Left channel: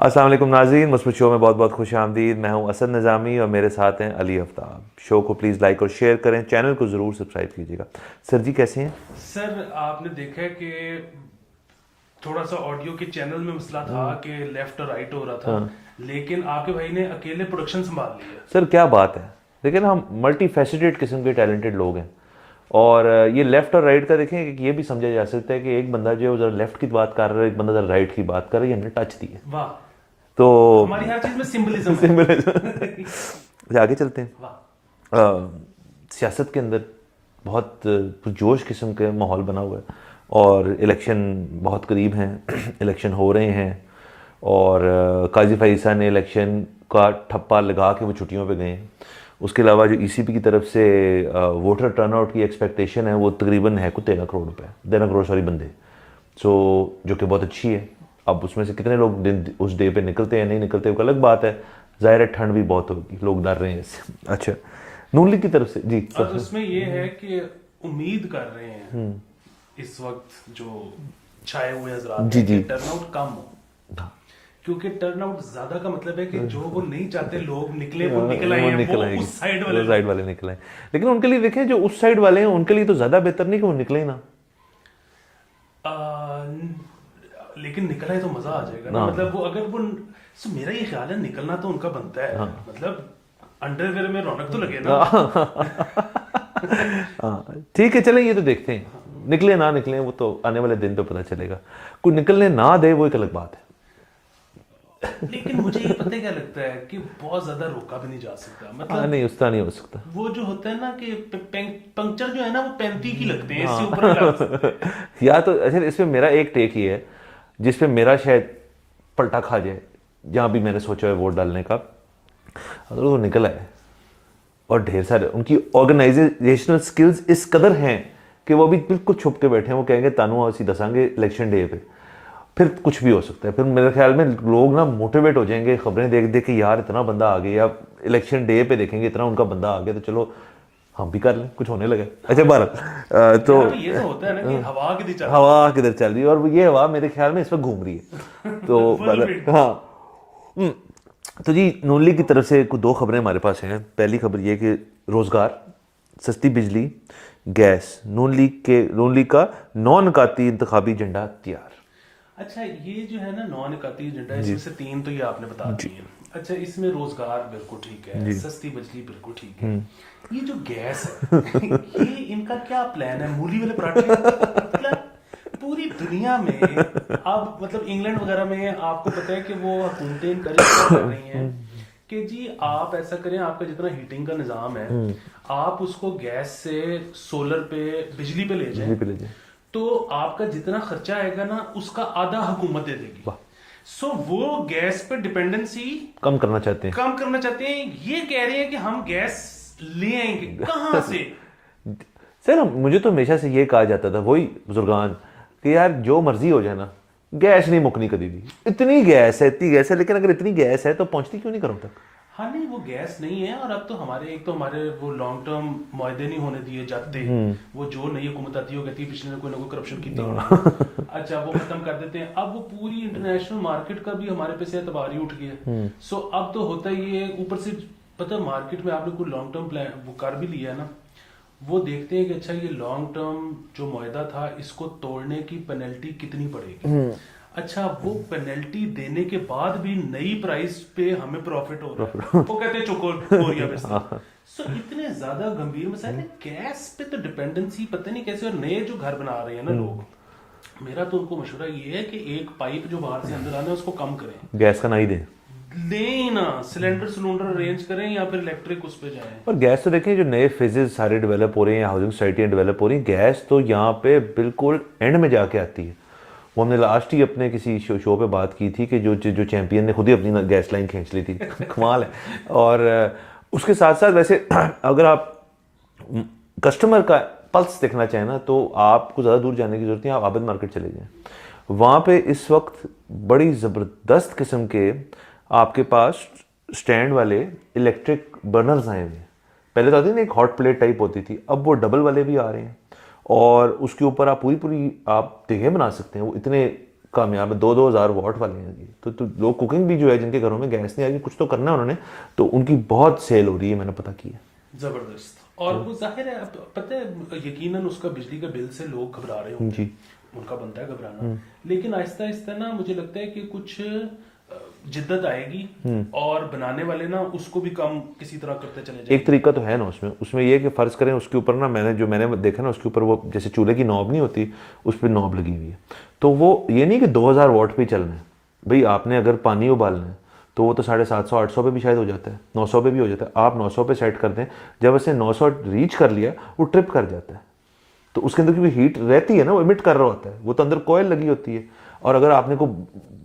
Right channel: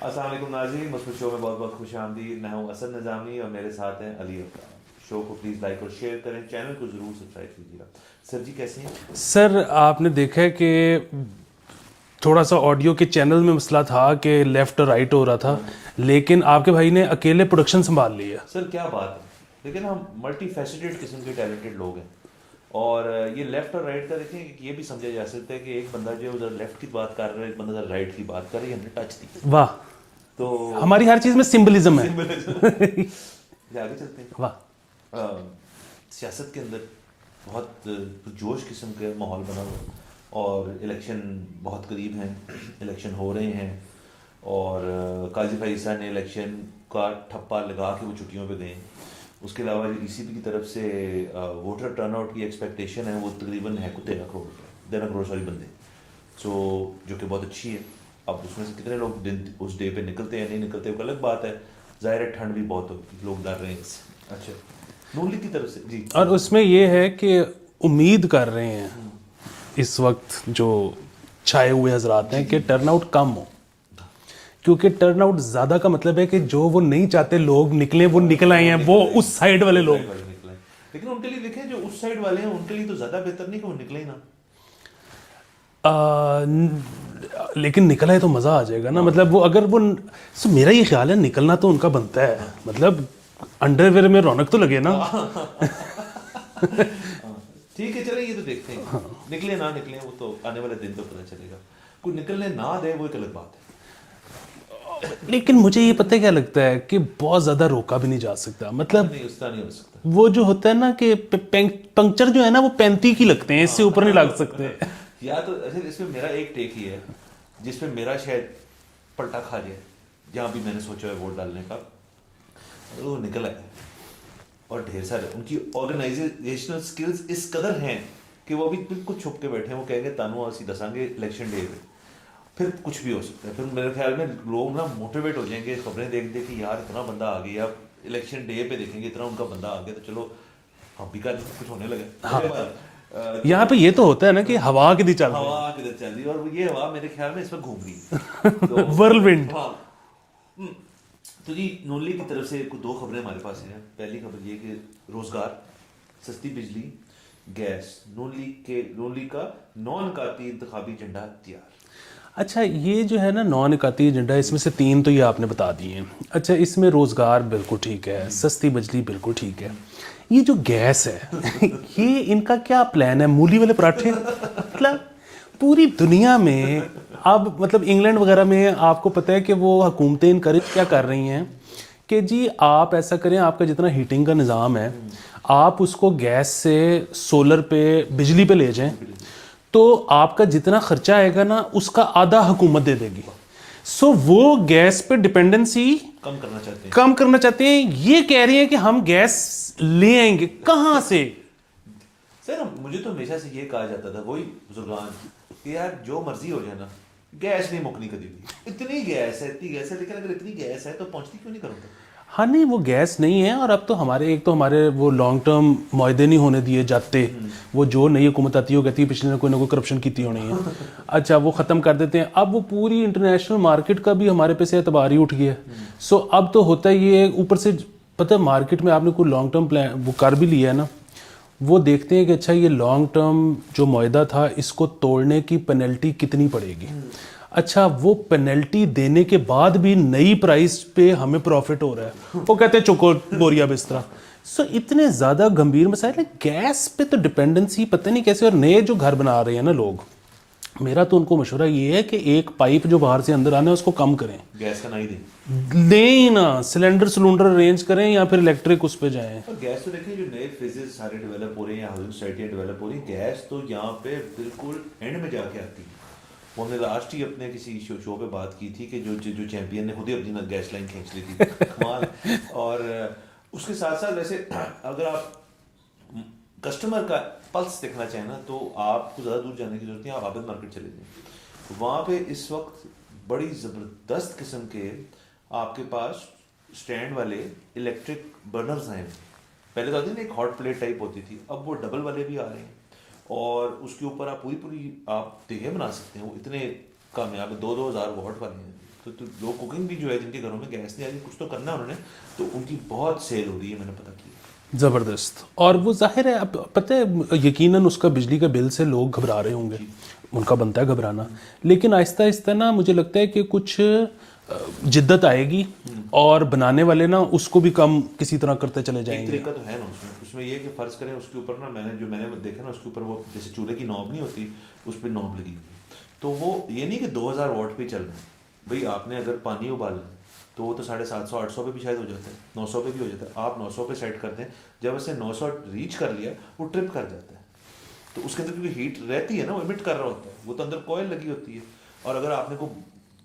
अस्सलाम वालेकुम नाज़रीन, मुस्बित शो में बहुत बहुत खुश आमदीद। मैं हूं असद निज़ामी और मेरे साथ हैं अली आफ्ताब। शो को प्लीज़ लाइक और शेयर करें, चैनल को ज़रूर सब्सक्राइब कीजिएगा। सर जी कैसे हैं? सर आपने देखा है कि थोड़ा सा ऑडियो के चैनल में मसला था कि लेफ्ट और राइट हो रहा था, लेकिन आपके भाई ने अकेले प्रोडक्शन संभाल लिया। सर क्या बात है, लेकिन हम मल्टी फैसेटेड किस्म के टैलेंटेड लोग हैं। और ये लेफ़्ट और राइट का देखें कि ये भी समझा जा सकता है कि एक बंदा जो है उधर लेफ़्ट की बात कर रहा है, एक बंदा उधर राइट की बात कर रहा है, ये हमने टच दी है। वाह, तो हमारी हर चीज में सिंबलिज्म है। आगे चलते हैं। वाह। सियासत के अंदर बहुत पुरजोश किस्म का माहौल बना हुआ है और इलेक्शन बहुत करीब हैं। इलेक्शन हो रहे हैं और काजी फैज़ा ने इलेक्शन का ठप्पा लगा के वो छुट्टियों पे गए हैं। उसके अलावा जो ईसीपी की तरफ से वोटर टर्नआउट की एक्सपेक्टेशन है वो तकरीबन है कुछ 13 करोड़ रुपए, 13 करोड़ सॉरी बंदे, सो जो कि बहुत अच्छी है। अब उसमें से कितने लोग दिन उस डे पे निकलते हैं या नहीं निकलते वो अलग बात है। ज़ाहिर है ठंड भी बहुत होगी, लोग डर रहे हैं इससे। अच्छा, नून लीग की तरफ से जी। और उसमें यह है कि उम्मीद कर रहे हैं इस वक्त जो छाए हुए हजरात हैं कि टर्नआउट कम हो, क्योंकि टर्नआउट ज्यादा का मतलब है कि जो वो नहीं चाहते लोग निकले वो निकल आए हैं, वो उस साइड वाले लोग। साइड वाले निकले, लेकिन उनके लिए देखें जो उस साइड वाले हैं उनके लिए तो ज़्यादा बेहतर नहीं कि वो निकले ही ना। लेकिन निकला है तो मजा आ जाएगा ना। मतलब वो अगर वो मेरा ये ख्याल है निकलना तो उनका बनता है। मतलब अंडरवेयर में रौनक तो लगे ना। ठीक है, चलें ये तो देखते हैं। निकले ना निकले वो तो आने वाले दिन तो पता चलेगा। कोई निकलने ना दे वो एक अलग बात है। लेकिन मुझे ये पता है क्या लगता है कि बहुत ज्यादा रोका भी नहीं जा सकता। मतलब नहीं, उसका नहीं हो सकता। वो जो होता है ना कि पंक्चर जो है ना वो 35 की लगते हैं, इससे ऊपर नहीं लग सकते। या तो अच्छा, इसमें मेरा एक टेक ही है जिसपे मेरा शायद पलटा खा जाए, जहाँ भी मैंने सोचा है वोट डालने का। अगर वो निकला है और ढेर सारे उनकी ऑर्गेनाइजेशनल स्किल्स इस कदर हैं कि वो अभी बिल्कुल छुप के बैठे हैं, वो कहेंगे तानू असी दसांगे इलेक्शन डे पे, फिर कुछ भी हो सकता है। फिर मेरे ख्याल में लोग ना मोटिवेट हो जाएंगे खबरें देख देख के, यार इतना बंदा आ गया, या इलेक्शन डे पे देखेंगे इतना उनका बंदा आ गया तो चलो हम भी कर लें, कुछ होने लगे। अच्छा बारह तो यहाँ पे ये तो होता है ना कि हवा कितनी चल हवा किधर चल रही है, और ये हवा मेरे ख्याल में इस वक्त घूम रही है। तो Whirlwind। हाँ। तो जी नून लीग की तरफ से कुछ दो खबरें हमारे पास हैं। पहली खबर ये कि रोज़गार, सस्ती बिजली, गैस, नून लीग का नॉन काती इंतखाबी एजेंडा तैयार। अच्छा, ये जो है ना नॉन इकाती एजेंडा, इसमें से तीन तो ये आपने बता दिए। अच्छा, इसमें रोजगार बिल्कुल ठीक है, सस्ती बिजली बिल्कुल ठीक है। ये जो गैस है ये इनका क्या प्लान है? मूली वाले पराठे? मतलब पूरी दुनिया में अब मतलब इंग्लैंड वगैरह में आपको पता है कि वो हुकूमतें इनकरेज क्या कर रही हैं कि जी आप ऐसा करें, आपका जितना हीटिंग का निज़ाम है आप उसको गैस से सोलर पे, बिजली पे ले जाएं, तो आपका जितना खर्चा आएगा ना उसका आधा हुकूमत दे देगी। सो वो गैस पे डिपेंडेंसी कम करना चाहते हैं। कम करना चाहते हैं। ये कह रहे हैं कि हम गैस ले आएंगे कहां से? सर मुझे तो हमेशा से ये कहा जाता था, वही बुजुर्गान, कि यार जो मर्जी हो जाए ना, गैस नहीं मुकनी कभी भी। इतनी गैस है, इतनी गैस है, लेकिन अगर इतनी गैस है तो पहुंचती क्यों नहीं करो तक? हाँ नहीं, वो गैस नहीं है। और अब तो हमारे एक तो हमारे वो लॉन्ग टर्म मुआहदे नहीं होने दिए जाते। वो जो नई हुकूमत आती है वो कहती है पिछले ने कोई ना कोई करप्शन की थी होनी है। अच्छा, वो ख़त्म कर देते हैं। अब वो पूरी इंटरनेशनल मार्केट का भी हमारे पे से एतबार ही उठ गया। सो अब तो होता ही ये ऊपर से पता है मार्केट में आपने कोई लॉन्ग टर्म प्लान वो कर भी लिया है ना, वो देखते हैं कि अच्छा ये लॉन्ग टर्म जो मुआहदा था इसको तोड़ने की पेनल्टी कितनी पड़ेगी। अच्छा, वो पेनल्टी देने के बाद भी नई प्राइस पे हमें प्रॉफिट हो रहा है। वो कहते हैं चुको बोरिया बिस्तरा। सो इतने ज्यादा गंभीर मसाइल है। गैस पे तो डिपेंडेंसी पता नहीं कैसे। और नए जो घर बना रहे हैं ना लोग, मेरा तो उनको मशवरा ये है कि एक पाइप जो बाहर से अंदर आना है उसको कम करें, गैस का ना ही दें, दें ही ना, सिलेंडर अरेंज करें या फिर इलेक्ट्रिक उस पर जाएं। और गैस तो देखें जो नए फेजेस सारे डेवलप हो रहे हैं, हाउसिंग सोसाइटियाँ डेवलप हो रही हैं, गैस तो यहाँ पे बिल्कुल एंड में जाके आती है। वो हमने लास्ट ही अपने किसी शो पे बात की थी कि जो चैंपियन ने खुद ही अपनी गैस लाइन खींच ली थी। कमाल है। और उसके साथ साथ वैसे अगर आप कस्टमर का पल्स देखना चाहें ना तो आपको ज़्यादा दूर जाने की जरूरत नहीं, आप आबद मार्केट चले जाएं। वहाँ पे इस वक्त बड़ी ज़बरदस्त किस्म के आपके पास स्टैंड वाले इलेक्ट्रिक बर्नर्स आए हुए। पहले तो आती ना एक हॉट प्लेट टाइप होती थी, अब वो डबल वाले भी आ रहे हैं और उसके ऊपर आप पूरी पूरी आप देखें बना सकते हैं। वो इतने कामयाब है, 2-2 हज़ार वाट वाले हैं जी। तो लोग कुकिंग भी जो है, जिनके घरों में गैस नहीं आई, कुछ तो करना है उन्होंने, तो उनकी बहुत सेल हो रही है, मैंने पता किया। ज़बरदस्त। और वो जाहिर है, अब पता है यकीनन उसका बिजली का बिल से लोग घबरा रहे होंगे, उनका बनता है घबराना, लेकिन आहिस्ता आहिस्ता ना मुझे लगता है कि कुछ जिद्दत आएगी और बनाने वाले ना उसको भी कम किसी तरह करते चले जाएंगे। एक तरीका तो है ना उसमें ये है कि फ़र्ज़ करें उसके ऊपर ना, मैंने देखा ना, उसके ऊपर वो जैसे चूल्हे की नॉब नहीं होती, उस पर नॉब लगी हुई है, तो वो ये नहीं कि 2000 वाट पे चलना है भाई। आपने अगर पानी उबालना है तो वो तो 750-800 पे भी शायद हो जाता है, 900 पे भी हो जाता है। आप 900 पे सेट कर दें, जब ऐसे 900 रीच कर लिया वो ट्रिप कर जाता है, तो उसके अंदर क्योंकि हीट रहती है ना, वो इमिट कर रहा होता है, वो तो अंदर कोयल लगी होती है। और अगर आपने को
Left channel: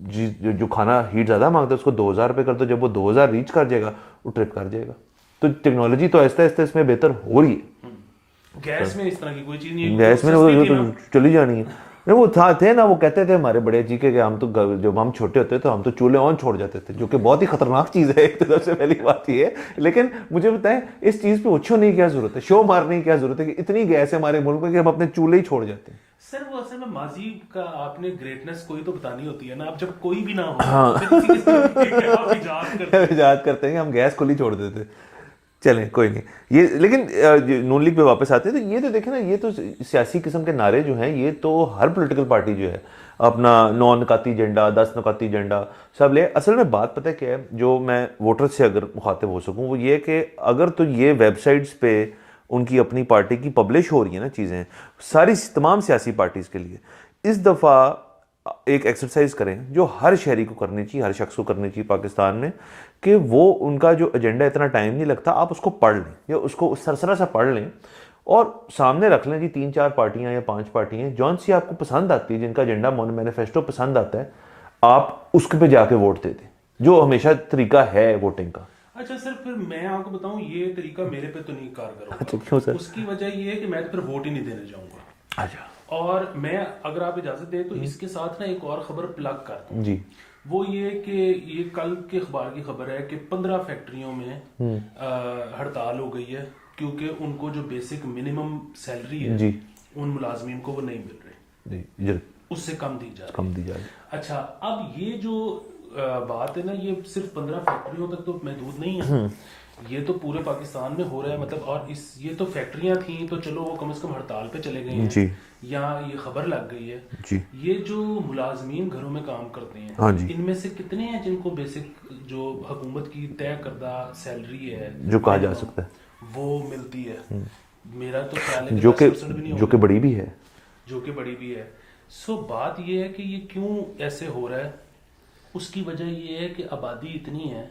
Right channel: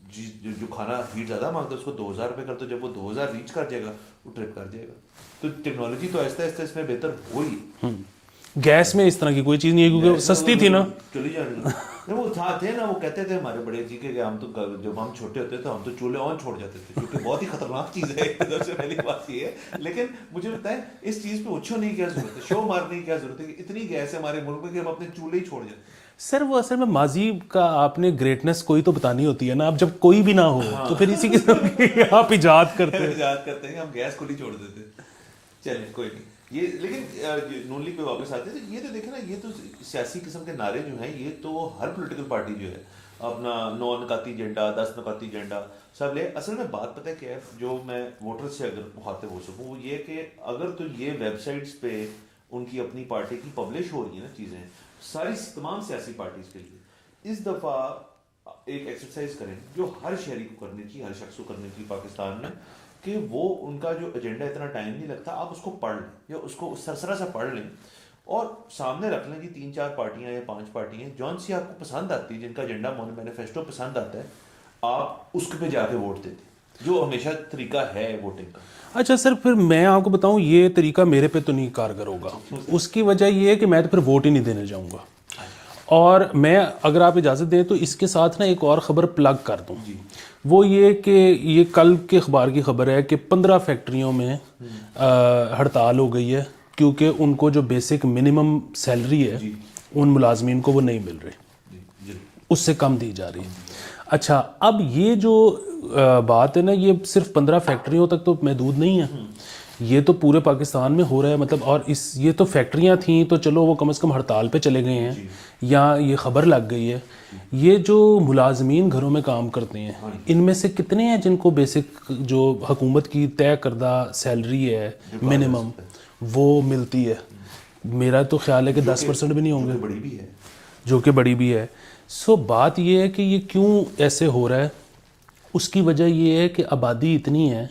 जो खाना हीट ज़्यादा मांगता है उसको 2000 पे कर दो, जब वो 2000 रीच कर जाएगा वो ट्रिप कर जाएगा। तो टेक्नोलॉजी तो आहिस्ता आहिस्ता इसमें बेहतर हो रही है। गैस में इस तरह की कोई चीज़ नहीं है, गैस में सस्ती थी तो ना। चली जानी है। नहीं, वो थे ना, वो कहते थे हमारे बड़े जी के हम तो जब हम छोटे होते तो हम तो चूल्हे ऑन छोड़ जाते थे, जो कि बहुत ही खतरनाक चीज़ है। एक सबसे पहली बात ये है, लेकिन मुझे बताएं इस चीज़ पे उछो नहीं, क्या जरूरत है, शो मारने की क्या जरूरत है कि इतनी गैस है हमारे मुल्क में कि हम अपने चूल्हे ही छोड़ जाते हैं। सर वो असल में माजी का आपने ग्रेटनेस कोई तो बतानी होती है ना। अब जब कोई भी ना हो तो फिर इसी किस्म के आप इजाद करते हैं। इजाद करते हैं कि हम गैस खुली छोड़ देते। चलें कोई नहीं, ये लेकिन नून लीग पे वापस आते हैं, तो ये तो देखें ना, ये तो सियासी किस्म के नारे जो हैं, ये तो हर पॉलिटिकल पार्टी जो है अपना 9 नकाती एजेंडा, 10 नकाती एजेंडा सब ले। असल में बात पता है क्या है, जो मैं वोटर से अगर मुखातिब हो सकूं, वो ये कि अगर तो ये वेबसाइट्स पे उनकी अपनी पार्टी की पब्लिश हो रही है ना चीज़ें, सारी तमाम सियासी पार्टीज़ के लिए, इस दफ़ा एक एक्सरसाइज करें जो हर शहरी को करनी चाहिए, हर शख्स को करनी चाहिए पाकिस्तान में, कि वो उनका जो एजेंडा, इतना टाइम नहीं लगता, आप उसको पढ़ लें या उसको सरसरा सा पढ़ लें और सामने रख लें जी 3-4 पार्टियां या 5 पार्टियां जौन सी आपको पसंद आती है, जिनका एजेंडा मैनिफेस्टो पसंद आता है, आप उसके पे जाके वोट दे दें, जो हमेशा तरीका है वोटिंग का। अच्छा सर, फिर मैं आपको बताऊं, ये तरीका मेरे पे तो नहीं कारगर होगा। क्यों सर? उसकी वजह ये है कि मैं तो फिर वोट ही नहीं देने जाऊंगा। अच्छा। और मैं, अगर आप इजाज़त दें तो इसके साथ ना एक और ख़बर प्लग कर दूं जी। वो ये कि ये कल के अखबार की खबर है कि 15 फैक्ट्रियों में हड़ताल हो गई है, क्योंकि उनको जो बेसिक मिनिमम सैलरी है जी। उन मुलाजमीन को वो नहीं मिल रही, जी, उससे कम दी जा रही है। अच्छा, अब ये जो बात है ना, ये सिर्फ 15 फैक्ट्रियों तक तो महदूद नहीं है, ये तो पूरे पाकिस्तान में हो रहा है। मतलब, और ये तो फैक्ट्रियां थी तो चलो वो कम से कम हड़ताल पे चले गए हैं या ये खबर लग गई है जी। ये जो मुलाजमीन घरों में काम करते हैं, हाँ, इनमें से कितने हैं जिनको बेसिक जो हुकूमत की तय करदा सैलरी है जो मिनिमम वो मिलती है? मेरा तो ख्याल है कि 10% भी नहीं होंगे, जो कि बड़ी भी है, जो कि बड़ी भी है। सो बात ये है कि ये क्यों ऐसे हो रहा है। उसकी वजह ये है कि आबादी इतनी है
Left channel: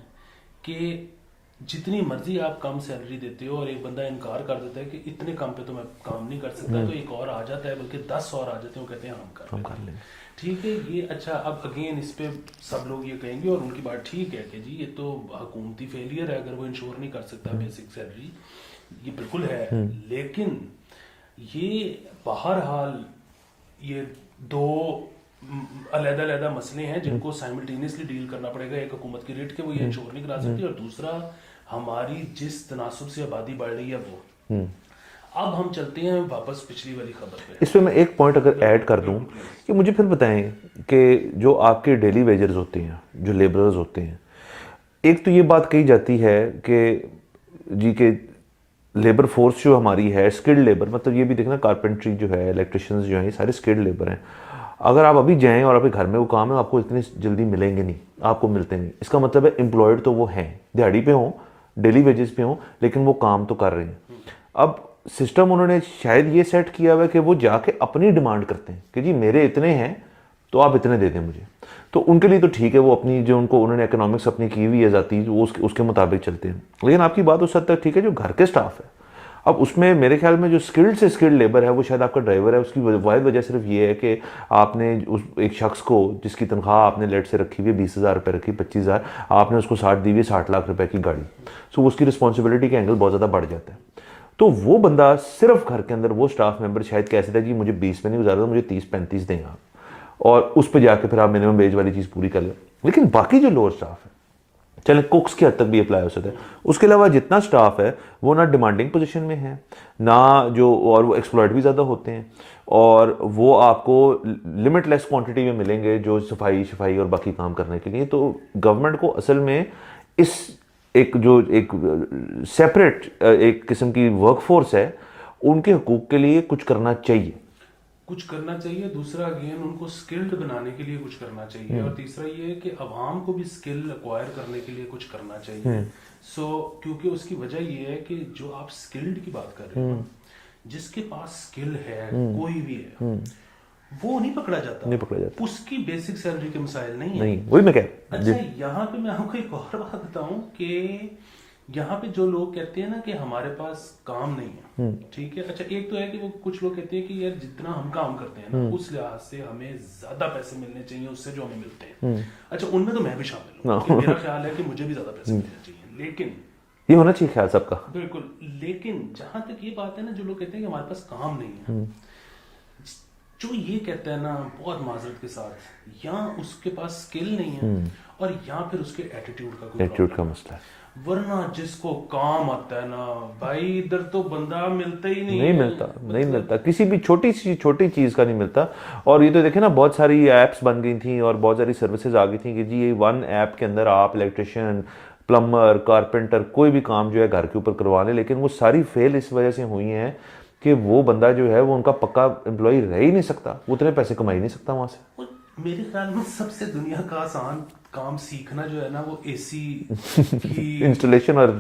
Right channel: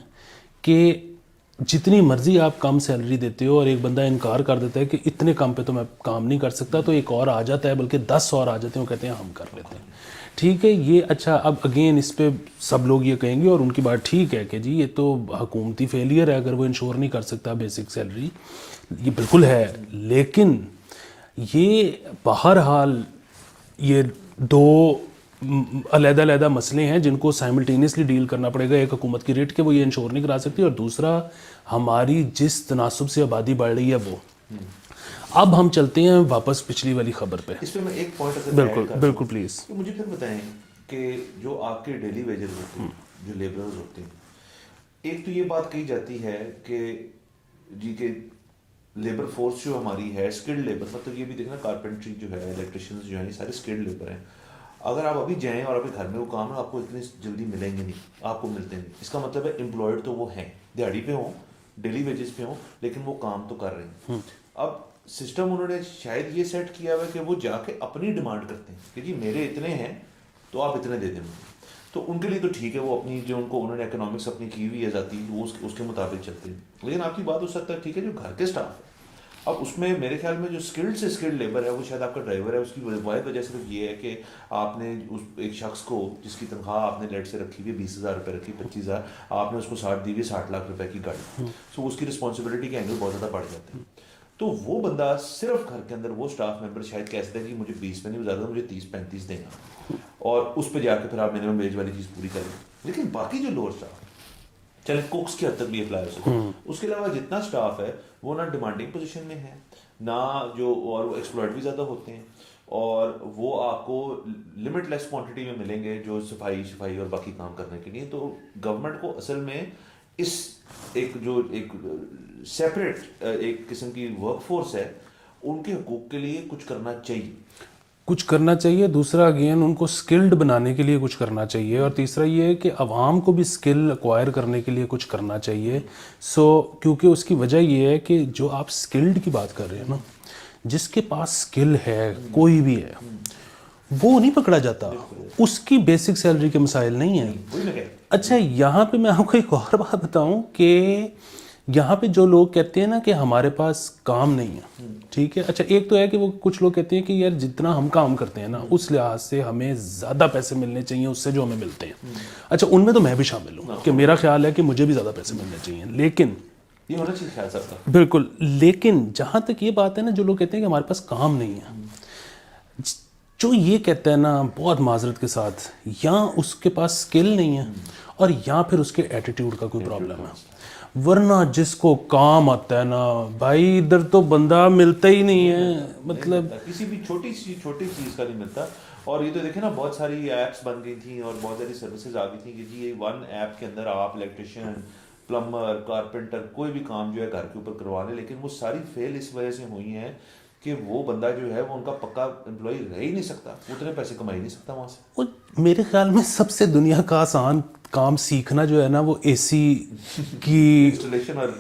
कि जितनी मर्जी आप कम सैलरी देते हो और एक बंदा इनकार कर देता है कि इतने कम पे तो मैं काम नहीं कर सकता, तो एक और आ जाता है, बल्कि 10 और आ जाते हैं, वो कहते हैं हम कर लेते हैं। ठीक है, ये अच्छा, अब अगेन इस पे सब लोग ये कहेंगे और उनकी बात ठीक है कि जी ये तो हुकूमती फेलियर है अगर वो इंश्योर नहीं कर सकता बेसिक सैलरी, ये बिल्कुल है। लेकिन ये बहरहाल ये दो अलग-अलग मसले हैं जिनको साइमल्टेनियसली डील करना पड़ेगा। एक हुकूमत की रेट के वो ये इंश्योर नहीं करा सकती, और दूसरा हमारी जिस तनासुब से आबादी बढ़ रही है वो। अब हम चलते हैं वापस पिछली वाली खबर पे। इस पे मैं एक पॉइंट अगर ऐड कर दूं, बिल्कुल प्लीज, कि मुझे फिर बताएं कि जो आपके डेली वेजर्स होते हैं, जो लेबरर्स होते हैं, एक तो ये बात कही जाती है कि जी के लेबर फोर्स जो हमारी है स्किल्ड लेबर, मतलब ये भी देखना कारपेंट्री जो है, इलेक्ट्रिशियंस जो हैं, ये सारे स्किल्ड लेबर हैं। अगर आप अभी जाएं और आपके घर में वो काम है, आपको इतनी जल्दी मिलेंगे नहीं, आपको मिलते नहीं। इसका मतलब है एम्प्लॉयड तो वो हैं, दिहाड़ी पे हों, डेली वेजेस पे हों, लेकिन वो काम तो कर रहे हैं। अब सिस्टम उन्होंने शायद ये सेट किया हुआ है कि वो जाके अपनी डिमांड करते हैं कि जी मेरे इतने हैं तो आप इतने दे दें मुझे। तो उनके लिए तो ठीक है, वो अपनी जो उनको उन्होंने इकोनॉमिक्स अपनी की हुई है जाती, वो उसके मुताबिक चलते हैं। लेकिन आपकी बात उस हद तक ठीक है जो घर के स्टाफ है, अब उसमें मेरे ख्याल में जो स्किल्ड से स्किल्ड लेबर है वो शायद आपका ड्राइवर है। उसकी वाहिद वजह सिर्फ ये है कि आपने उस एक शख्स को जिसकी तनख्वाह आपने लेट से रखी हुई है 20,000 रुपये रखी, 25,000, आपने उसको 60 दी हुई 60 लाख रुपए की गाड़ी, तो उसकी रिस्पॉन्सिबिलिटी का एंगल बहुत ज़्यादा बढ़ जाता है। तो वो बंदा सिर्फ घर के अंदर वो स्टाफ मेंबर शायद कैसे था जी मुझे 20 में नहीं गुजारा, मुझे 30-35 दें आप, और उस पर जाके फिर आप मिनिमम वेज वाली चीज़ पूरी कर लें। लेकिन बाकी जो लोअर स्टाफ है, चले कुक्स की हद तक भी अप्लाई हो सके, उसके अलावा जितना स्टाफ है वो ना डिमांडिंग पोजीशन में है, ना जो, और वो एक्सप्लॉयट भी ज़्यादा होते हैं, और वो आपको लिमिटलेस क्वांटिटी में मिलेंगे जो सफाई और बाकी काम करने के लिए। तो गवर्नमेंट को असल में इस एक सेपरेट एक किस्म की वर्कफोर्स है, उनके हकूक़ के लिए कुछ करना चाहिए। दूसरा अगेन उनको स्किल्ड बनाने के लिए कुछ करना चाहिए, और तीसरा ये है कि अवाम को भी स्किल एक्वायर करने के लिए कुछ करना चाहिए। क्योंकि उसकी वजह ये है कि जो आप स्किल्ड की बात कर रहे हैं ना, जिसके पास स्किल है कोई भी है, वो नहीं पकड़ा जाता, उसकी बेसिक सैलरी के मसाइल नहीं है। वही मैं कह। अच्छा, यहाँ पे मैं आपको एक और बात बताऊं कि यहाँ पे जो लोग कहते हैं ना कि हमारे पास काम नहीं है, ठीक है। अच्छा, एक तो है कि वो कुछ लोग कहते हैं कि यार जितना हम काम करते हैं ना उस लिहाज से हमें ज्यादा पैसे मिलने चाहिए उससे जो हमें मिलते हैं। अच्छा, उनमें तो मैं भी शामिल हूँ कि मेरा ख्याल है कि मुझे भी ज्यादा पैसे मिलने चाहिए, लेकिन ये होना चाहिए ख्याल सबका, बिल्कुल। लेकिन जहां तक ये बात है ना, जो लोग कहते हैं कि हमारे पास काम नहीं है, जो ये कहता है ना, बहुत माजरत के साथ, या उसके पास स्किल नहीं है और या फिर उसके एटीट्यूड का कोई प्रॉब्लम है। वरना जिसको काम आता है ना भाई, इधर तो बंदा मिलता ही नहीं है। नहीं मिलता, किसी भी छोटी चीज़ का नहीं मिलता। और ये तो देखे ना, बहुत सारी ऐप्स बन गई थी और बहुत सारी सर्विसेज आ गई थी कि जी ये वन ऐप के अंदर आप इलेक्ट्रिशियन, प्लम्बर, कारपेंटर, कोई भी काम जो है घर के ऊपर करवा लें। लेकिन वो सारी फेल इस वजह से हुई हैं कि वो बंदा जो है वो उनका पक्का एम्प्लॉय रह ही नहीं सकता, वो उतने पैसे कमा ही नहीं सकता वहाँ से। मेरे ख्याल में सबसे दुनिया का आसान काम सीखना जो है ना, वो एसी की इंस्टॉलेशन और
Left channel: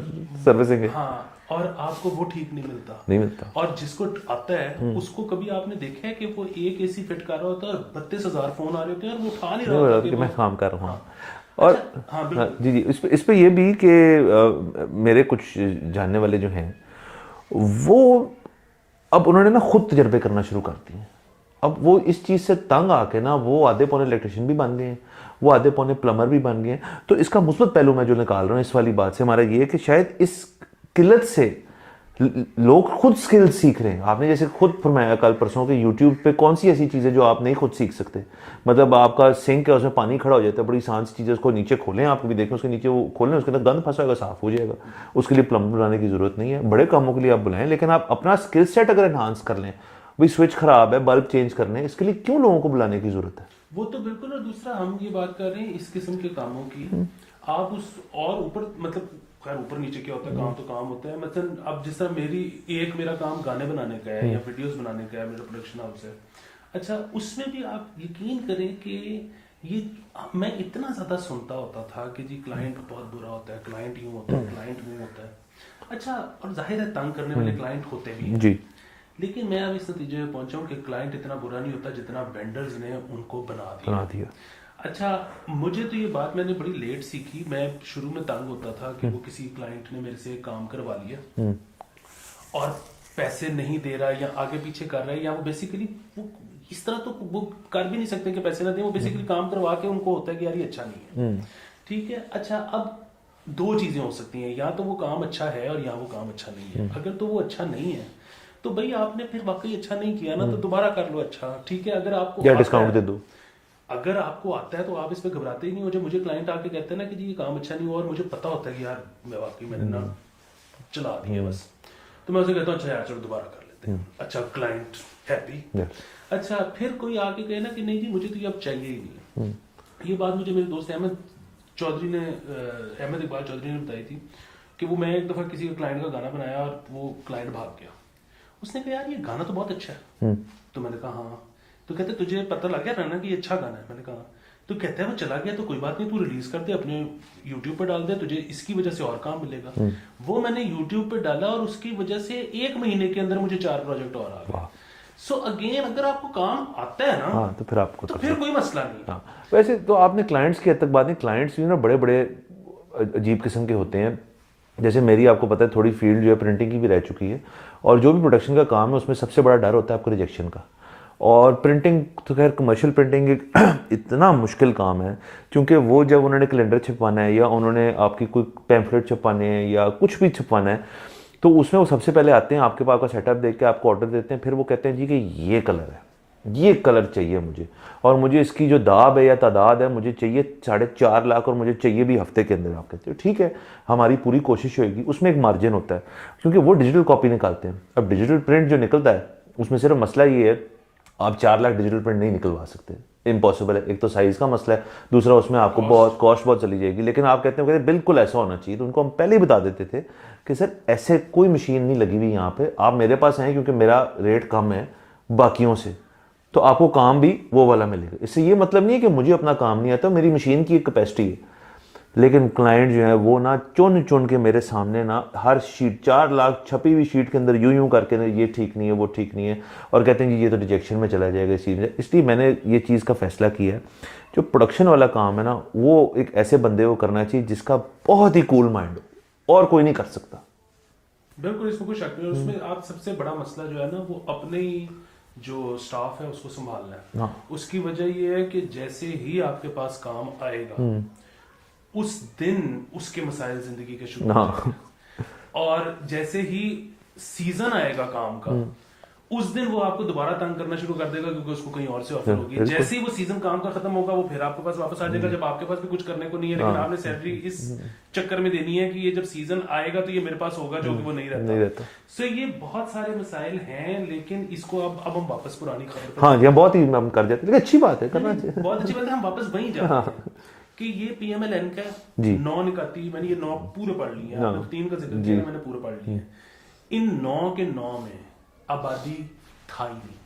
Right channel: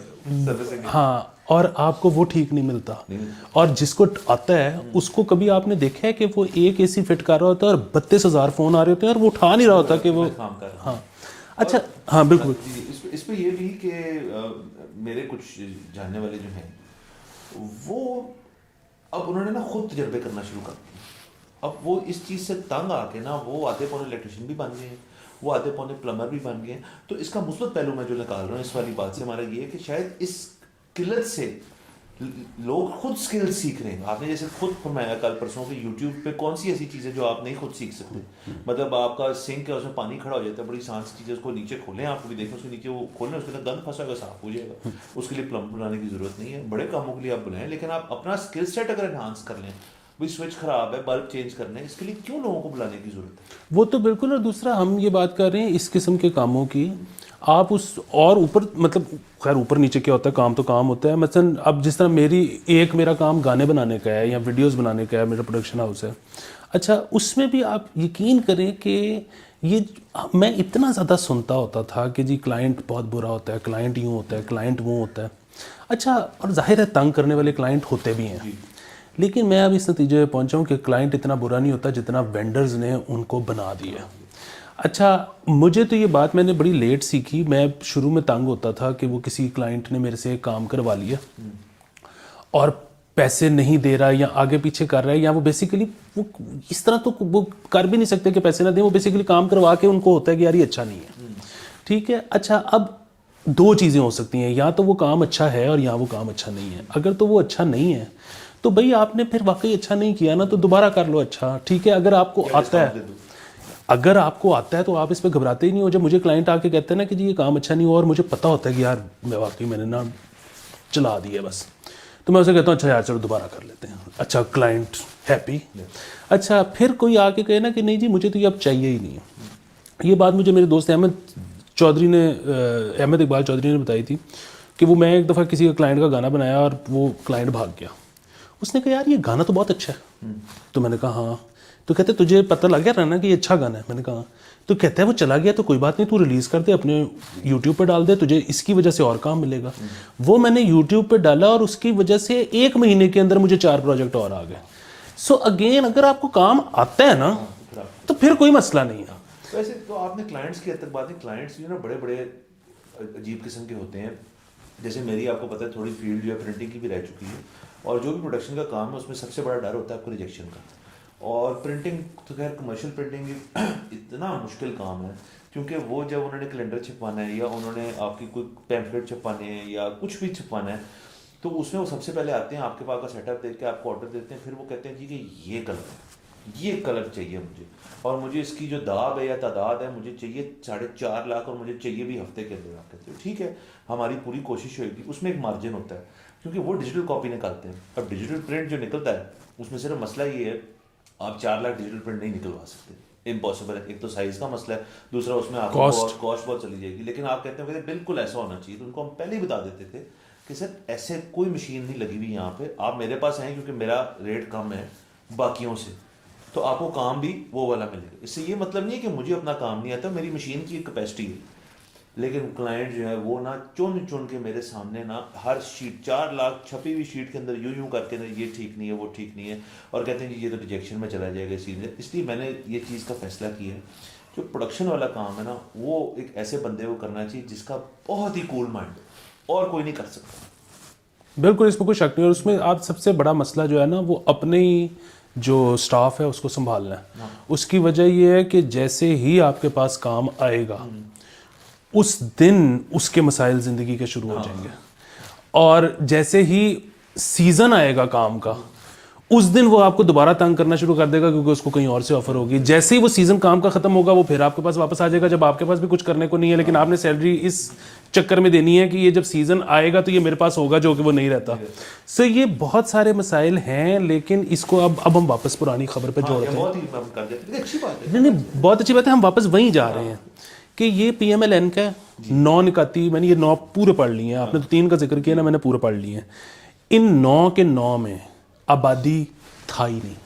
सर्विसिंग है। हाँ, और आपको वो ठीक नहीं मिलता। और जिसको आता है उसको कभी आपने देखा है कि वो एक एसी फिट कर रहा होता है और 32,000 फोन आ रहे होते हैं और वो उठा नहीं रहा होता कि वो काम कर रहा हूँ। अच्छा, हाँ बिल्कुल जी। इस पे ये भी कि मेरे कुछ जानने वाले जो हैं वो अब उन्होंने ना खुद तजर्बे करना शुरू कर दिए। अब वो इस चीज़ से तंग आके ना वो आधे पौने इलेक्ट्रिशियन भी बन गए हैं, वो आधे पौने प्लम्बर भी बन गए हैं। तो इसका मुस्बत पहलू मैं जो निकाल रहा हूँ इस वाली बात से हमारा ये है कि शायद इस किल्लत से लोग खुद स्किल सीख रहे हैं। आपने जैसे खुद फरमाया कल परसों के यूट्यूब पे कौन सी ऐसी चीज़ें जो आप नहीं खुद सीख सकते। मतलब आपका सिंक है, उसमें पानी खड़ा हो जाता है, बड़ी आसान सी चीज़ है, उसको नीचे खोलें, आप भी देखें उसके नीचे वो खोलें, उसके अंदर गंद फंसा होगा, साफ हो जाएगा। उसके लिए प्लम्बर बुलाने की ज़रूरत नहीं है, बड़े कामों के लिए आप बुलाएं। लेकिन आप अपना स्किल सेट अगर एनहांस कर लें, भाई स्विच खराब है, बल्ब चेंज करने, इसके लिए क्यों लोगों को बुलाने की जरूरत है? वो तो बिल्कुल। और दूसरा हम ये बात कर रहे हैं इस किस्म के कामों की, आप उस और ऊपर, मतलब खैर ऊपर नीचे क्या होता है, काम तो काम होता है। मसलन अब जिस तरह मेरा काम गाने बनाने का है या वीडियोस बनाने का है, मेरा प्रोडक्शन हाउस है। अच्छा, उसमें भी आप यकीन करें कि ये मैं इतना ज़्यादा सुनता होता था कि जी क्लाइंट बहुत बुरा होता है, क्लाइंट यूँ होता है, क्लाइंट वो होता है। अच्छा, और जाहिर है तंग करने वाले क्लाइंट होते भी हैं जी, लेकिन मैं अब इस नतीजे पे पहुंचा हूं कि क्लाइंट इतना बुरा नहीं होता जितना वेंडर्स ने उनको बना दिया। अच्छा, मुझे तो ये बात मैंने बड़ी लेट सीखी। मैं शुरू में तंग होता था कि वो किसी क्लाइंट ने मेरे से काम करवा लिया और पैसे नहीं दे रहा या आगे पीछे कर रहा है, या वो बेसिकली वो इस तरह तो वो कर भी नहीं सकते कि पैसे ना दें। वो बेसिकली काम करवा के उनको होता है कि यार ये अच्छा नहीं है, ठीक है। अच्छा, अब दो चीज़ें हो सकती हैं, या तो वो काम अच्छा है और या वो काम अच्छा नहीं है। अगर तो वो अच्छा नहीं है तो भाई आपने फिर वाकई अच्छा नहीं किया ना, तो दोबारा कर लो। अच्छा ठीक है, अगर आपको आता है तो आप इस पे घबराते ही नहीं हो। जब मुझे क्लाइंट आके कहते हैं ना कि जी ये काम अच्छा नहीं हुआ और मुझे पता होता है कि यार मैं वाकई मैंने ना चला दिया बस, तो मैं उसे कहता हूँ अच्छा यार चलो दोबारा कर लेते हैं। अच्छा, क्लाइंट हैप्पी। अच्छा, फिर कोई आके कहे ना कि नहीं जी मुझे तो ये अब चाहिए ही नहीं है। ये बात मुझे मेरे दोस्त अहमद इकबाल चौधरी ने बताई थी कि वो, मैं एक दफ़ा किसी का क्लाइंट का गाना बनाया और वो क्लाइंट भाग गया। उसने कहा यार ये गाना तो बहुत अच्छा है। तो मैंने कहा हाँ। तो कहते तुझे पता लग गया ना कि ये अच्छा गाना है? मैंने कहा। तो कहता है वो चला गया तो कोई बात नहीं, तू रिलीज़ कर दे, अपने यूट्यूब पर डाल दे, तुझे इसकी वजह से और काम मिलेगा। वो मैंने यूट्यूब पर डाला और उसकी वजह से 1 महीने के अंदर मुझे 4 प्रोजेक्ट और आ गए। सो अगेन, अगर आपको काम आता है ना तो फिर कोई मसला नहीं है। वैसे तो आपने क्लाइंट्स की हद तक बात नहीं, क्लाइंट्स भी ना बड़े बड़े अजीब किस्म के होते हैं। जैसे मेरी आपको पता है थोड़ी फील्ड जो है प्रिंटिंग की भी रह चुकी है, और जो भी प्रोडक्शन का काम है उसमें सबसे बड़ा डर होता है आपको रिजेक्शन का। और प्रिंटिंग तो खैर कमर्शियल प्रिंटिंग इतना मुश्किल काम है, क्योंकि वो जब उन्होंने कैलेंडर छपवाना है या उन्होंने आपकी कोई पैम्फलेट छपवाने हैं या कुछ भी छपवाना है, तो उसमें वो सबसे पहले आते हैं आपके पास का सेटअप देख के आपको ऑर्डर देते हैं। फिर वो कहते हैं जी कि ये कलर है, ये कलर चाहिए मुझे, और मुझे इसकी जो दाब है या तादाद है मुझे चाहिए 4.5 लाख, और मुझे चाहिए भी हफ्ते के अंदर। आप कहते हो ठीक है, हमारी पूरी कोशिश होगी। उसमें एक मार्जिन होता है क्योंकि वो डिजिटल कॉपी निकालते हैं। अब डिजिटल प्रिंट जो निकलता है उसमें सिर्फ मसला ये है आप 4 लाख डिजिटल प्रिंट नहीं निकलवा सकते, इम्पॉसिबल है। एक तो साइज का मसला है, दूसरा उसमें आपको बहुत कॉस्ट बहुत चली जाएगी। लेकिन आप कहते हैं बिल्कुल ऐसा होना चाहिए, तो उनको हम पहले ही बता देते थे कि सर ऐसे कोई मशीन नहीं लगी हुई यहाँ पे, आप मेरे पास आए क्योंकि मेरा रेट कम है बाकियों से, तो आपको काम भी वो वाला मिलेगा। इससे ये मतलब नहीं है कि मुझे अपना काम नहीं आता, मेरी मशीन की एक कैपेसिटी है। लेकिन क्लाइंट जो है वो ना चुन चुन के मेरे सामने ना हर शीट 4 लाख छपी हुई शीट के अंदर यूं करके ना ये ठीक नहीं है, वो ठीक नहीं है, और कहते हैं कि ये तो रिजेक्शन में चला जाएगा इस चीज़ में। इसलिए मैंने ये चीज़ का फैसला किया है, जो प्रोडक्शन वाला काम है ना वो एक ऐसे बंदे को करना चाहिए जिसका बहुत ही कूल माइंड हो, और कोई नहीं कर सकता। बिल्कुल, इसमें कोई शक नहीं। और उसमें आज सबसे बड़ा मसला जो है ना, वो अपने ही जो स्टाफ है उसको संभालना है। उसकी वजह ये है कि जैसे ही आपके पास काम आएगा उस दिन उसके मसाइल जिंदगी के शुरू हो जाएंगे, और जैसे ही सीजन आएगा काम का उस दिन वो आपको दोबारा तंग करना शुरू कर देगा, क्योंकि उसको कहीं और से ऑफर होगी। जैसे ही वो सीजन काम का खत्म होगा वो फिर आपके पास वापस आ जाएगा, जब आपके पास भी कुछ करने को नहीं है, लेकिन आपने सैलरी इस चक्कर में देनी है कि ये जब सीजन आएगा तो ये मेरे पास होगा, जो कि वो नहीं रहता। सो ये बहुत सारे मसाइल हैं, लेकिन इसको अब हम वापस पुरानी खबर पे बहुत ही हम कर जाते हैं, अच्छी बात है। बहुत अच्छी बात है, हम वापस वहीं जा रहे हैं कि ये PMLN का 9 निकाती, मैंने ये 9 पूरे पढ़ लिए हैं। आपने तो 3 का जिक्र किया ना, मैंने पूरे पढ़ लिए हैं। इन 9 के 9 में आबादी था ही नहीं,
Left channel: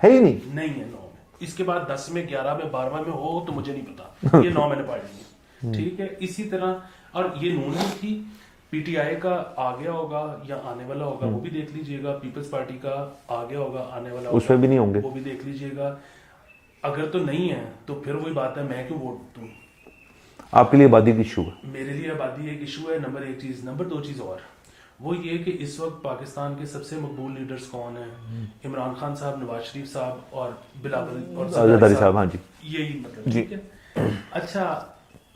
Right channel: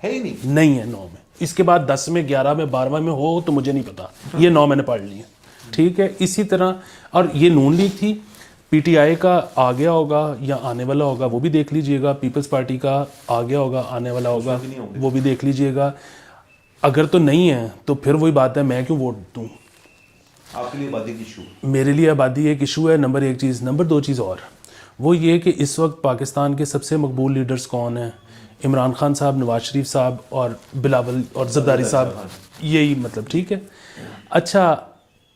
है ही नहीं है 9 में। इसके बाद 10 में, 11 में, 12 में हो तो मुझे नहीं पता, ये 9 मैंने पढ़ लिए। ठीक है, इसी तरह, और ये नून लीग थी, PTI का आ गया होगा या आने वाला होगा वो भी देख लीजिएगा, पीपल्स पार्टी का आ गया होगा, आने वाला होगा, भी नहीं होंगे, वो भी देख लीजिएगा। अगर तो नहीं है तो फिर वही बात है, मैं क्यों वोट दूं? आपके लिए आबादी की इशू है, मेरे लिए आबादी एक इशू है, नंबर 1 चीज़। नंबर 2 चीज़ और, वो ये कि इस वक्त पाकिस्तान के सबसे मकबूल लीडर्स कौन हैं? इमरान खान साहब, नवाज शरीफ साहब और बिलावल और जरदारी साहब। हाँ जी, यही मतलब, ठीक है। अच्छा,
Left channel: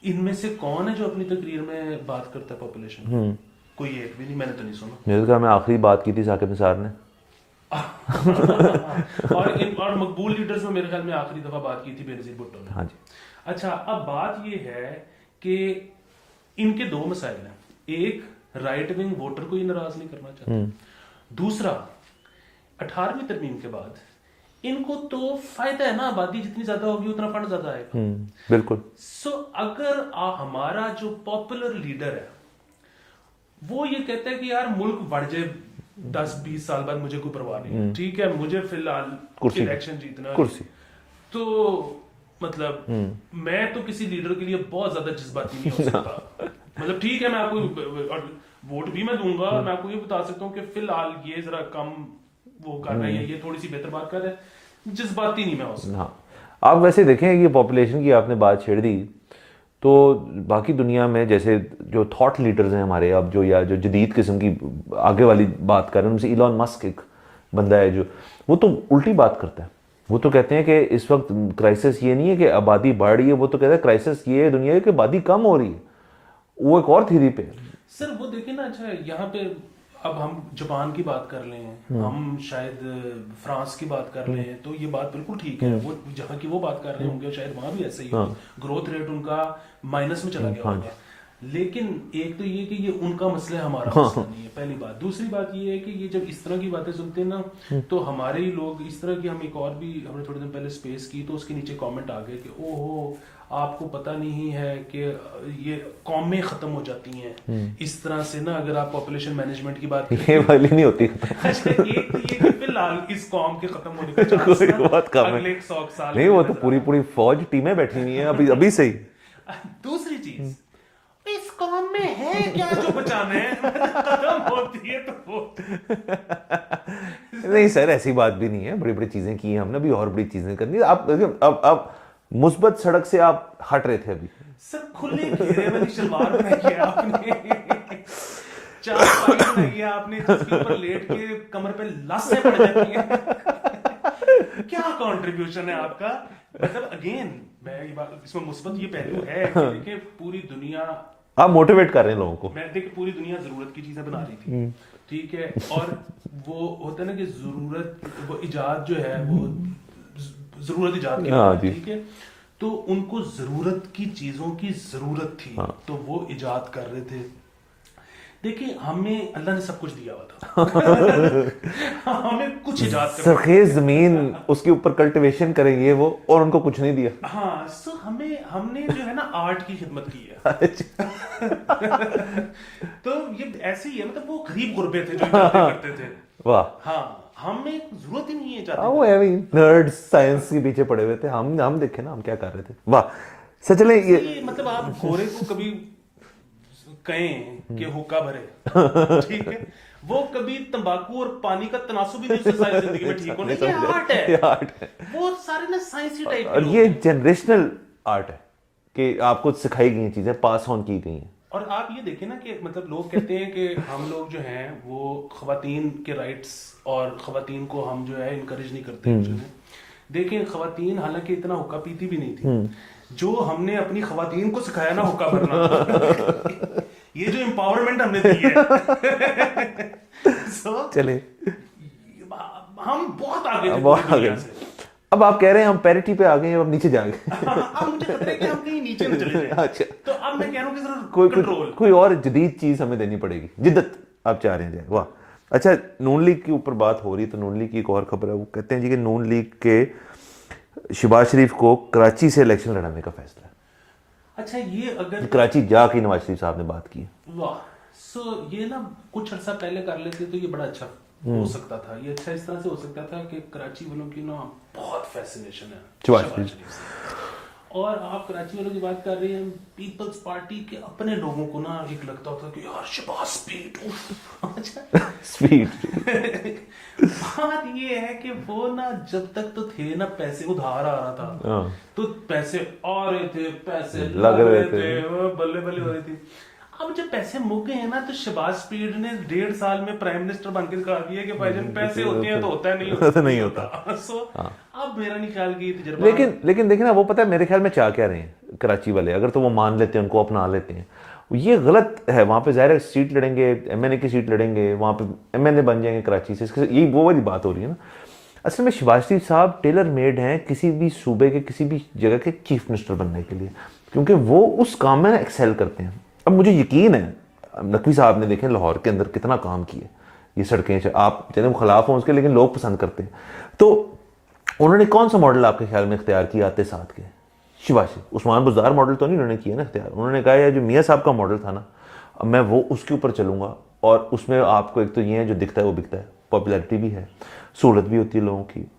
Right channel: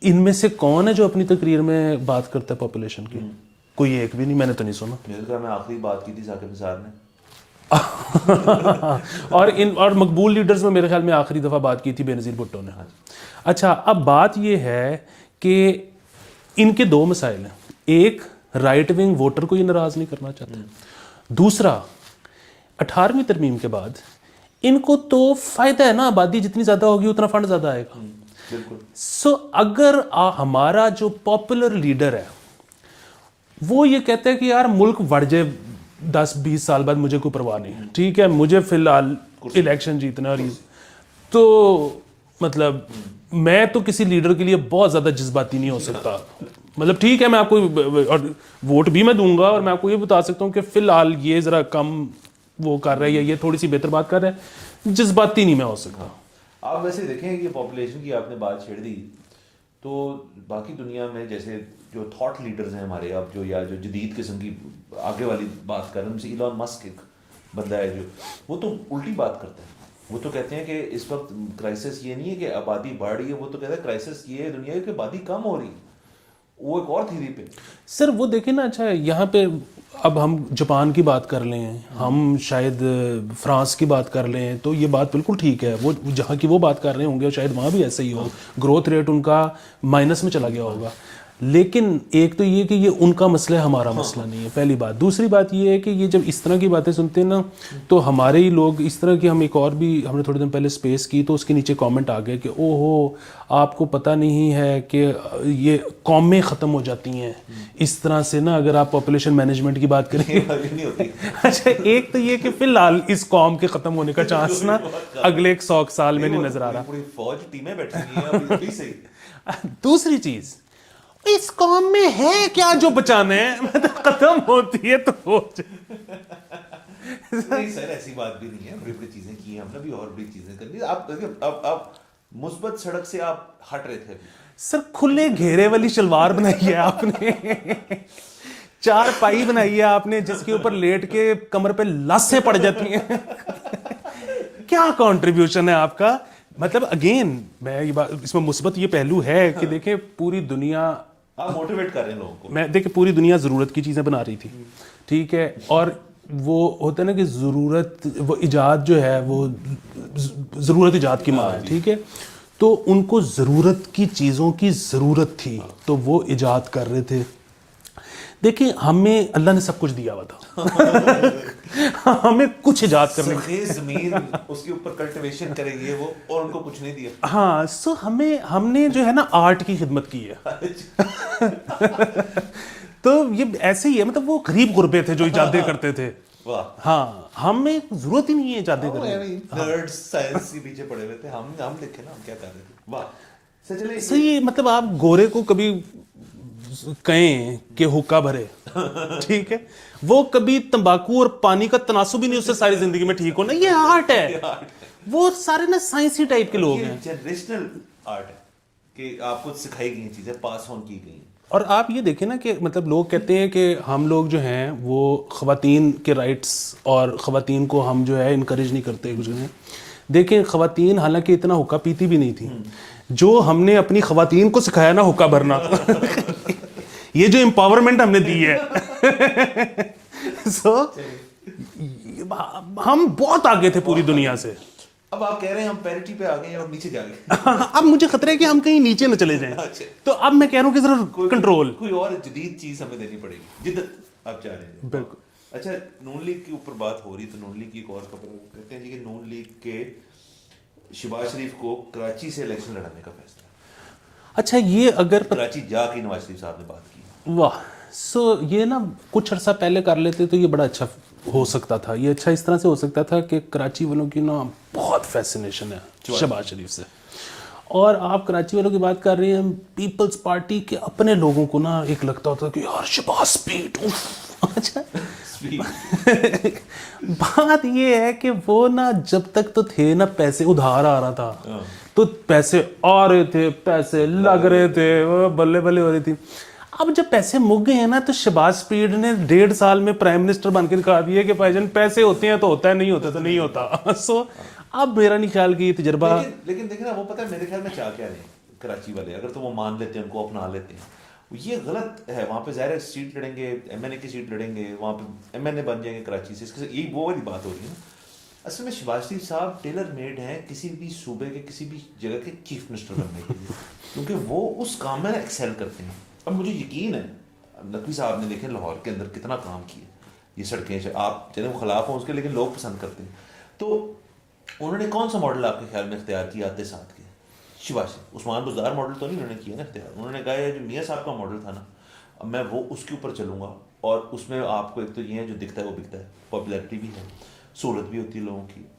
इनमें से कौन है जो अपनी तकरीर में बात करता है पॉपुलेशन की? कोई एक भी नहीं, मैंने तो नहीं सुना। मेरे ख्याल में आखिरी बात की थी साकिब निसार ने और मकबूल लीडर्स में मेरे ख्याल में आखिरी दफ़ा बात की थी बेनज़ीर भुट्टो ने। हाँ जी। अच्छा, अब बात ये है कि इनके 2 मसाइल हैं। एक, राइट विंग वोटर को ये नाराज़ नहीं करना चाहता। दूसरा, 18वीं तरमीम के बाद इनको तो फायदा है ना, आबादी जितनी ज़्यादा होगी उतना फंड ज़्यादा आएगा। बिल्कुल। सो अगर हमारा जो पॉपुलर लीडर है वो ये कहता है कि यार मुल्क बढ़ जाए 10-20 साल बाद, मुझे कोई परवाह नहीं है, ठीक है, मुझे फिलहाल इलेक्शन जीतना है, तो मतलब मैं तो किसी लीडर के लिए बहुत ज्यादा जज्बाती नहीं हो सकता। मतलब ठीक है, मैं आपको और वोट भी मैं दूंगा, और मैं आपको ये बता सकता हूँ कि फिलहाल ये जरा कम वो कर रहा है, या ये थोड़ी सी बेहतर बात कर रहा है, जज्बाती नहीं मैं हो सकता। हाँ, आप वैसे देखें कि पॉपुलेशन की आपने बात छेड़ दी, तो बाकी दुनिया में जैसे जो थॉट लीडर्स हैं हमारे, अब जो या जो जदीद किस्म की आगे वाली बात कर रहे हैं, उनसे इलॉन मस्क एक बंदा है जो, वो तो उल्टी बात करता है। वो तो कहते हैं कि इस वक्त क्राइसिस ये नहीं है कि आबादी बढ़ रही है, वो तो कहता है क्राइसिस ये है दुनिया है कि आबादी कम हो रही है। वो एक और थ्योरी पे सर वो देखें ना। अच्छा, यहाँ पे अब हम जापान की बात कर लें, हम शायद फ्रांस की बात कर लें, तो ये बात बिल्कुल ठीक है, वो जहाँ की वो बात कर रहे होंगे शायद वहाँ भी ऐसा ही हो, ग्रोथ रेट उनका माइनस में चला गया होगा। लेकिन एक तो ये कि ये उनका मसला है, हमारा मसला नहीं है, पहली बात। दूसरी बात ये है कि ये जब इस तरह की बातें सुनते हैं ना, तो हमारे ही लोग इस तरह की, हम एक और भी हमने थोड़े दिन पहले स्पेस की, तो उसके नीचे कमेंट आ गए कि ओहो आपको पता नहीं है कि ये कौमें ख़त्म हो जाती हैं इस तरह से ना, अगर आप पॉपुलेशन मैनेजमेंट की बात करें वाली नहीं होती। अच्छा, एक तो ये कि फिलहाल इस कौम के ख़त्म होने का चांस ना अगले 100 साल में नजर आ रहा है। पूरी फौज टीमें बैठी हुई हैं अभी से ही। दूसरी चीज, इस कौम में है क्या जो बचाना है, खत्म होती है तो हो नहीं सर, ऐसी बात भी नहीं है, बड़ी बड़ी चीजें की हैं हमने, अभी और बड़ी चीजें करनी है। अब मुस्बत सड़क से आप हट रहे थे अभी। सर खुले घेरे वाली शलवार बनाई है आपने, 4 पाई बनाई है आपने, जिसके ऊपर लेट के कमर पे लस्सें पड़ जाती हैं। क्या कंट्रीब्यूशन है आपका? मतलब अगेन मैं ये बात, इसमें मुस्बत ये पहलू है कि देखें पूरी दुनिया, आप मोटिवेट कर रहे हैं लोगों को। मैं देखिए पूरी दुनिया ज़रूरत की चीज़ें बना रही थी, ठीक है, और वो होता है ना कि ज़रूरत, वो इजाद जो है वो ज़रूरत इजाद की बात है, ठीक है, तो उनको ज़रूरत की चीज़ों की ज़रूरत थी, तो वो इजाद कर रहे थे। देखिए हमें अल्लाह ने सब कुछ दिया हुआ था हमें कुछ इजाद कर सरखेज जमीन, उसके ऊपर कल्टीवेशन करेंगे वो, और उनको कुछ नहीं दिया। हाँ, सो हमने जो है ना आर्ट की खिदमत की है तो ये ऐसे ही है, मतलब वो गरीब गुरबे थे जो इजादें करते थे। वाह। हाँ, हमें जरूरत ही नहीं है इजादें वो करने नर्ड्स साइंस के पीछे पड़े हुए थे, हम देखे ना हम क्या कर रहे थे। वाह। सच चले की। ये मतलब आप गोरे को कभी कहें कि हुक्का भरे ठीक है, वो कभी तंबाकू और पानी का तनासुब भी नहीं उससे सारी जिंदगी में ठीक हो ना, ये आर्ट है। वो सारे ना साइंसी टाइप के लोग ये हैं। जनरेशनल आर्ट है कि आपको सिखाई गई चीजें पास ऑन की गई हैं। और आप ये देखें ना कि मतलब लोग कहते हैं कि हम लोग जो हैं वो ख़वातीन के राइट्स और ख़वातीन को हम जो है इनकरेज नहीं करते हैं जो है। देखें ख़वातीन हालांकि इतना हुक्का पीती भी नहीं थी, जो हमने अपनी ख़वातीन को सिखाया ना हुक्का भरना ये जो एम्पावरमेंट हमने दी है चले हम बहुत आगे थे पूरी दुनिया से। अब आप कह रहे हैं हम पैरिटी पे आ गए हैं, अब नीचे जा गए। अब मुझे खतरा है कि हम कहीं नीचे न चले जाएं। अच्छा। तो अब मैं कह रहा हूँ कि जरा कंट्रोल, कोई और जदीद चीज हमें देनी पड़ेगी, जिद्दत आप चाह रहे हैं। वाह। अच्छा, नून लीग के ऊपर बात हो रही, तो नून लीग की एक और खबर है, वो कहते हैं जी कि नून लीग के शहबाज शरीफ को कराची से इलेक्शन लड़ाने का फैसला है। अच्छा ये अगर कराची जाके नवाज शरीफ साहब ने बात की। वाह, सो ये ना कुछ अर्सा पहले कर लेते तो ये बड़ा अच्छा हो सकता था। ये अच्छा इस तरह से हो सकता था कि कराची वालों की ना बहुत फैसिनेशन है शहबाज शरीफ से, और आप कराची वालों की बात कर रहे हैं, पीपल्स पार्टी के अपने लोगों को ना एक लगता होता कि यार शहबाज स्पीड। अच्छा स्पीड बात ये है कि वो ना जब तक तो थे ना पैसे उधार आ रहा था, तो पैसे आ रहे थे, पैसे लग रहे थे, वो बल्ले बल्ले हो रही थी। अब जब पैसे मुक गए हैं ना, तो शहबाज स्पीड ने 1.5 साल में प्राइम मिनिस्टर बनकर दिखा दिया कि भाईजान पैसे होते हैं तो होता है, नहीं होता तो नहीं होता। सो अब मेरा नहीं ख्याल कि तजर्बा, लेकिन देखिए ना, वो पता है मेरे ख्याल में चाह क्या रहे हैं कराची वाले, अगर तो वो मान लेते हैं, उनको अपना लेते हैं, ये गलत है। वहाँ पे ज़ाहिर सीट लड़ेंगे, एमएनए की सीट लड़ेंगे, वहाँ पे एमएनए बन जाएंगे कराची से, यही वो वाली बात हो रही है ना। असल में शहबाज शरीफ साहब टेलर मेड हैं किसी भी सूबे के किसी भी जगह के चीफ मिनिस्टर बनने के लिए, क्योंकि वो उस काम में एक्सेल करते हैं। अब मुझे यकीन है नकवी साहब ने देखें लाहौर के अंदर कितना काम किया, ये सड़कें, आप चले खिलाफ हों उसके, लेकिन लोग पसंद करते हैं। तो उन्होंने कौन सा मॉडल आपके ख्याल में इख्तियार किया आते साथ के? शहबाज शरीफ उस्मान बुज़दार मॉडल तो नहीं उन्होंने किया ना इख्तियार। उन्होंने कहा है जो मियाँ साहब का मॉडल था ना, अब मैं वो उसके ऊपर चलूँगा, और उसमें आपको एक तो ये है जो दिखता है वो बिकता है, पॉपुलैरिटी भी है, सहूलत भी होती है लोगों की,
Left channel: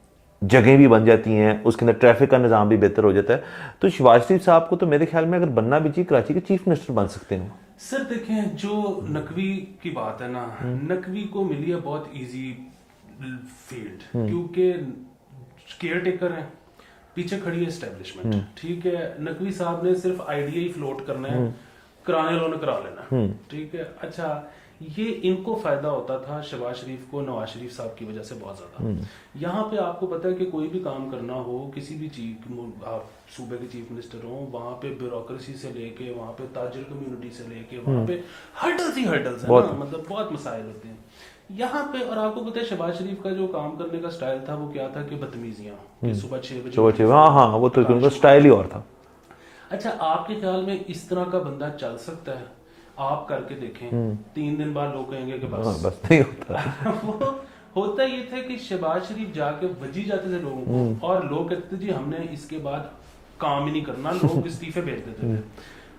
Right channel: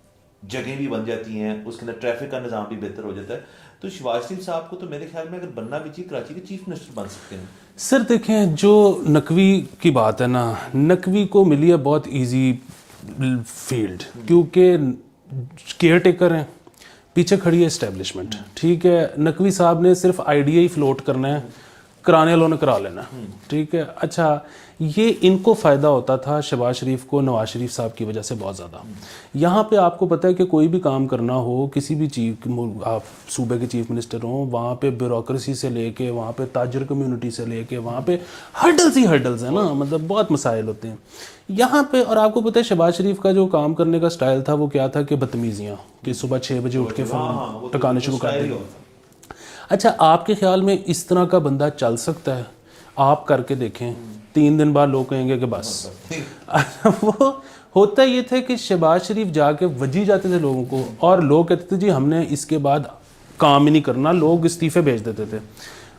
जगह भी बन जाती हैं, उसके अंदर ट्रैफिक का निज़ाम भी बेहतर हो जाता है। तो शहबाज शरीफ साहब को तो मेरे ख्याल में अगर बनना भी चाहिए, कराची के चीफ मिनिस्टर बन सकते हैं। सर देखें जो नकवी की बात है ना, नकवी को मिली है बहुत इजी फील्ड, क्योंकि केयर टेकर हैं, पीछे खड़ी है एस्टेब्लिशमेंट, ठीक है। नकवी साहब ने सिर्फ आइडिया ही फ्लोट करना है, कराने वालों ने करा लेना, ठीक है। अच्छा ये इनको फ़ायदा होता था शहबाज शरीफ को नवाज शरीफ साहब की वजह से बहुत ज़्यादा। यहाँ पे आपको पता है कि कोई भी काम करना हो, किसी भी चीज़, आप सूबे के चीफ मिनिस्टर हों, वहाँ पे ब्यूरोक्रेसी से लेके, वहाँ पे ताजर कम्युनिटी से लेके, वहाँ पे हर्डल्स ही हर्डल्स हैं ना, मतलब बहुत मसाइल होते हैं यहाँ पे। और आपको पता है शहबाज शरीफ का जो काम करने का स्टाइल था वो क्या था कि बदतमीजियाँ, कि सुबह 6 बजे उठ के वो तो स्टाइल ही और था। अच्छा, आपके ख्याल में इस तरह का बंदा चल सकता है? आप करके देखें, 3 दिन बाद लोग कहेंगे कि बस नहीं होता। वो होता ये थे कि शहबाज शरीफ जाके वजी जाते थे लोगों को, और लोग कहते थे जी हमने इसके बाद काम ही नहीं करना, लोग इस्तीफे भेज देते थे।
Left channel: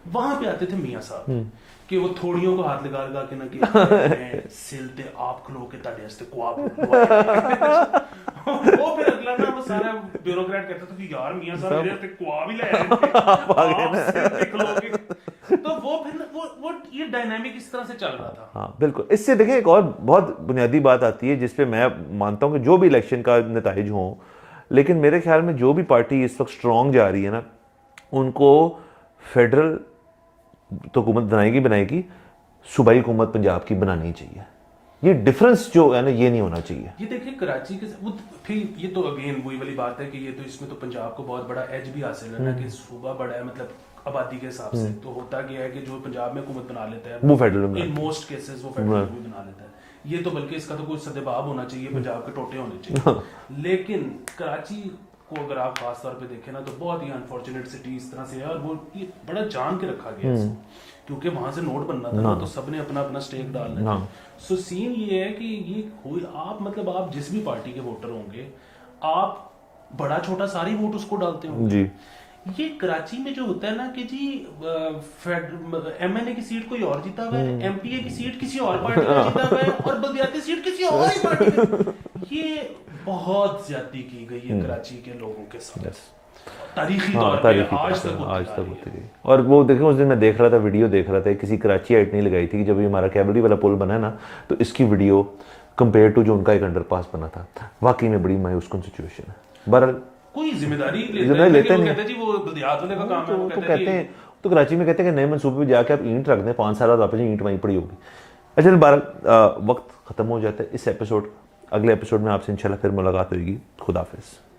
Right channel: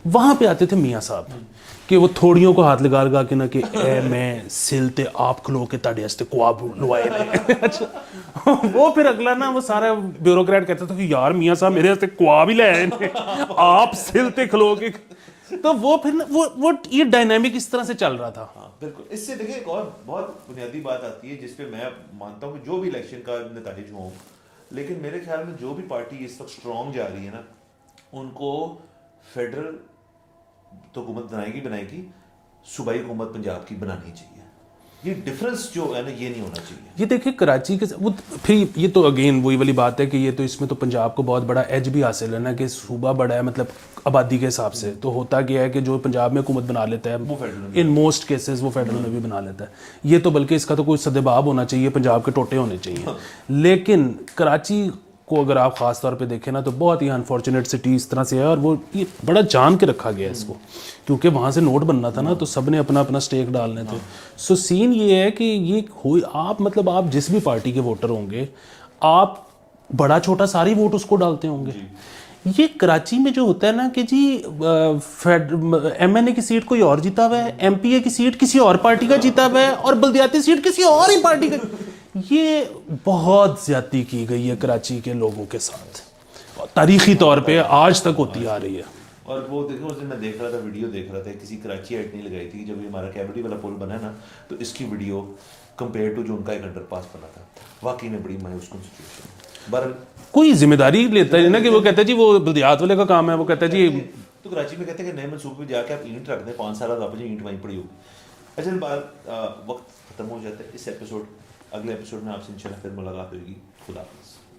वहां पे आते थे मियाँ साहब कि वो थोड़ियों को हाथ लगा लगा के ना कि मैं सिलते आप खलो के ताड़े हस्ते ख्वाब वो फिर अगला ना वो सारा ब्यूरोक्रेट कहता था कि यार मियाँ साहब मेरे हस्ते ख्वाब ही ले आए आप सिलते खलोगे। तो वो फिर वो ये डायनामिक इस तरह से चल रहा था। हाँ बिल्कुल। इससे देखें एक और बहुत बुनियादी बात आती है जिसपे मैं मानता हूँ कि जो भी इलेक्शन का नताइज हो, लेकिन मेरे ख्याल में जो भी पार्टी इस वक्त स्ट्रॉन्ग जा रही है ना, उनको फेडरल तो हुकूमत बनाएगी, सूबाई हुकूमत पंजाब की बनानी चाहिए। ये डिफरेंस जो है ना, ये नहीं होना चाहिए। ये देखिए कराची के वो फिर ये तो अगेन वही वाली बात है कि ये तो इसमें तो पंजाब को बहुत बड़ा एज भी हासिल है ना, कि सूबा बड़ा है, मतलब आबादी के हिसाब से। तो होता क्या है कि जो पंजाब में हुकूमत बना लेता है वो फेडरल इन मोस्ट केसेस वो फेडरल में भी बना लेता है। ये तो बल्कि इसका तो कोई सदेबाब होना चाहिए, पंजाब के टोटे होने चाहिए। लेकिन कराची को अगर आप ख़ास तौर पे देखें ना तो बहुत ही अनफॉर्चुनेट सिटी इस तरह से है, और वो ये बड़ा जान के रखा गया है इसको, क्योंकि वहाँ से नोट बनना था ना, तो सब ने अपना अपना स्टेक डालना था। सो सीन ये है कि ये आप मतलब आप जिस भी पार्टी के वोटर होंगे, आप बड़ा छोटा सारी वोट उसको डालते होंगे जी। ये कराची में जो होता है ना कि जी एमएनए की सीट कोई और जीता हुआ है, एमपीए की सीट किसी और पार्टी का जीता हुआ है, और बल्दियाती सीट किसी और ही पार्टी का। ये बहुत ज्यादती की गई है कराची के लोगों के साथ, तारीखी तौर पे आज तक होती आ रही है। और वो देखो उस दिन मैं देख रहा था, वीडियो देख रहा था, किसी कराची आइट नहीं लगाई थी कि जब ये हमारा कैवलरी वाला पुल बना है ना, तो इसकी वीडियो कंपेयर टू जो उनका एक अंडरपास बना था, वाकई में बड़ी मायूस कुन सिचुएशन है। बहरहाल कोई जिम्मेदारी लेता है ना कि वो कहते हैं जी वो बल्दियात वाले का काम है, वो कहते हैं जी तो कराची में कहते हैं कि नए मनसूबे में जाके आप ईंट रख दें, 5 साल बाद वापस ईंट वहीं पड़ी होगी। अच्छा, बहरहाल वक्त खत्म हो जाता है इस एपिसोड। अगले एपिसोड में आपसे इंशाल्लाह फिर मुलाकात होगी। खुदा हाफिज़।